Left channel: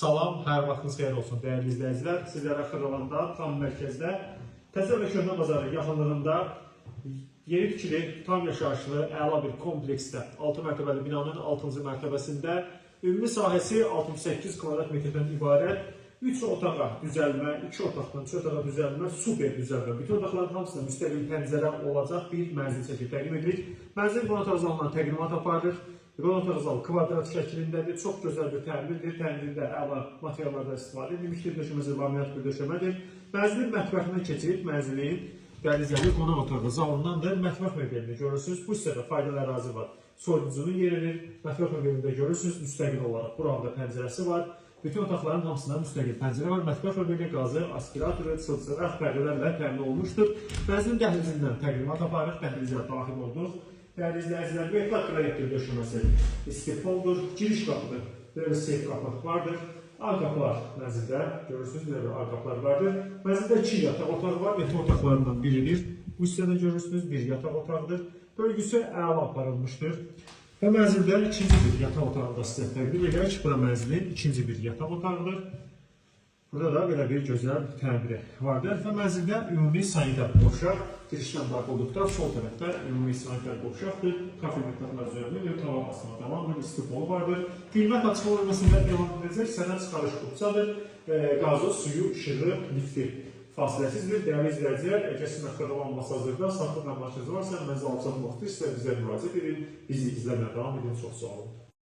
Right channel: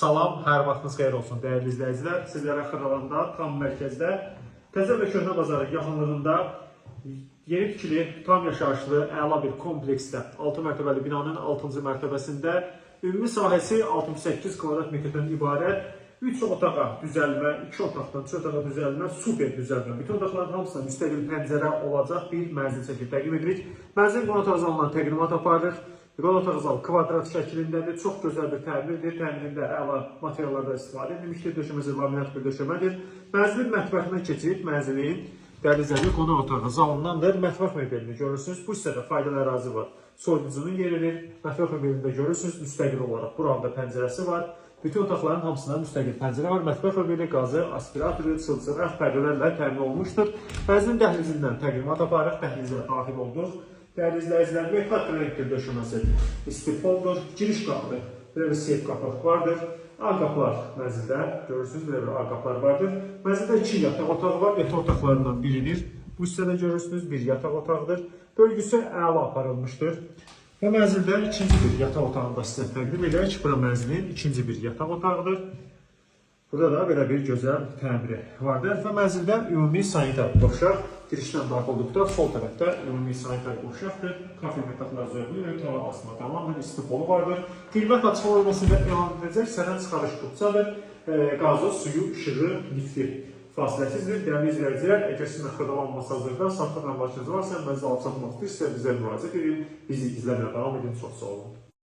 Salam, hər vaxtınız xeyir olsun dəyərli izləyicilər. Sizlərə Xıralanda, tam mərkəzdə, Təzə və Köhnə bazarın yaxınlığında yeni tikili, tam yaşayışlı, əla bir kompleksdə 6 mərtəbəli binanın 6-cı mərtəbəsində ümumi sahəsi 68 kvadrat metrdən ibarət 3 otağa düzəlmə, 2 otaqdan 3 otağa düzəlmə, super düzəlmə. Bütün otaqların hamısına müstəqil pəncərə olacaq bir mənzil çəkib təqdim edirik. Mənzilin qonaq otaq zalından təqdimat aparır. Qonaq otaq zalı kvadrat şəklindədir. Çox gözəl bir təmirdir. Təmirində əla materiallardan istifadə edilmişdir. Döşəməsi laminat bir döşəmədir. Mənzilin mətbəxindən keçib mənzilin dəlizəli qonaq otağı zalındandır. Mətbəx mebelini görürsünüz. Bu hissədə faydalı ərazi var. Soyuducunun yeridir. Mətbəx mebelində görürsünüz. Müstəqil olaraq buranın pəncərəsi var. Bütün otaqların hamısında müstəqil pəncərə var. Mətbəx mebeli, qazı, aspiratoru, çılçıraq pərdələrlə təmin olunmuşdur. Mənzilin dəhlizindən təqdimat aparıq. Dəhlizə daxil olduq. Dəyərli izləyicilər, metal kleyəkdir döşəməsi, istifoldur, giriş qapıdır, belə bir seyf qapı vardır. Ağ qapılar mənzildə, görürsünüz, belə bir ağ qapılar vardır. Mənzildə 2 yataq otağı var, yataq otaqlarından biridir. Bu hissədə görürsünüz, bir yataq otağıdır. Bölgüsü əla aparılmışdır. Və mənzildə ikinci bir yataq otağını da sizə təqdim edək. Bura mənzilin ikinci bir yataq otağıdır. Burada da belə bir gözəl təmiri vardır və mənzildə ümumi sanitar qovşaq girişdən daxil olduqda sol tərəfdə ümumi sanitar qovşaqdır. Kafir metaflar üzərində təvan basma tamamən istifolu vardır. Qiymət açıq olmasında elan edəcək sərən çıxarış qutsadır. Qazı, suyu, işığı, lifti fasiləsizdir. Dəyərli izləyicilər, əgər sizin xırdalanması hazırda saxta məlumatınız varsa, mənzil alçatmaq istəyirsə bizə müraciət edin. Bizi izləməyə davam edin. Çox sağ olun.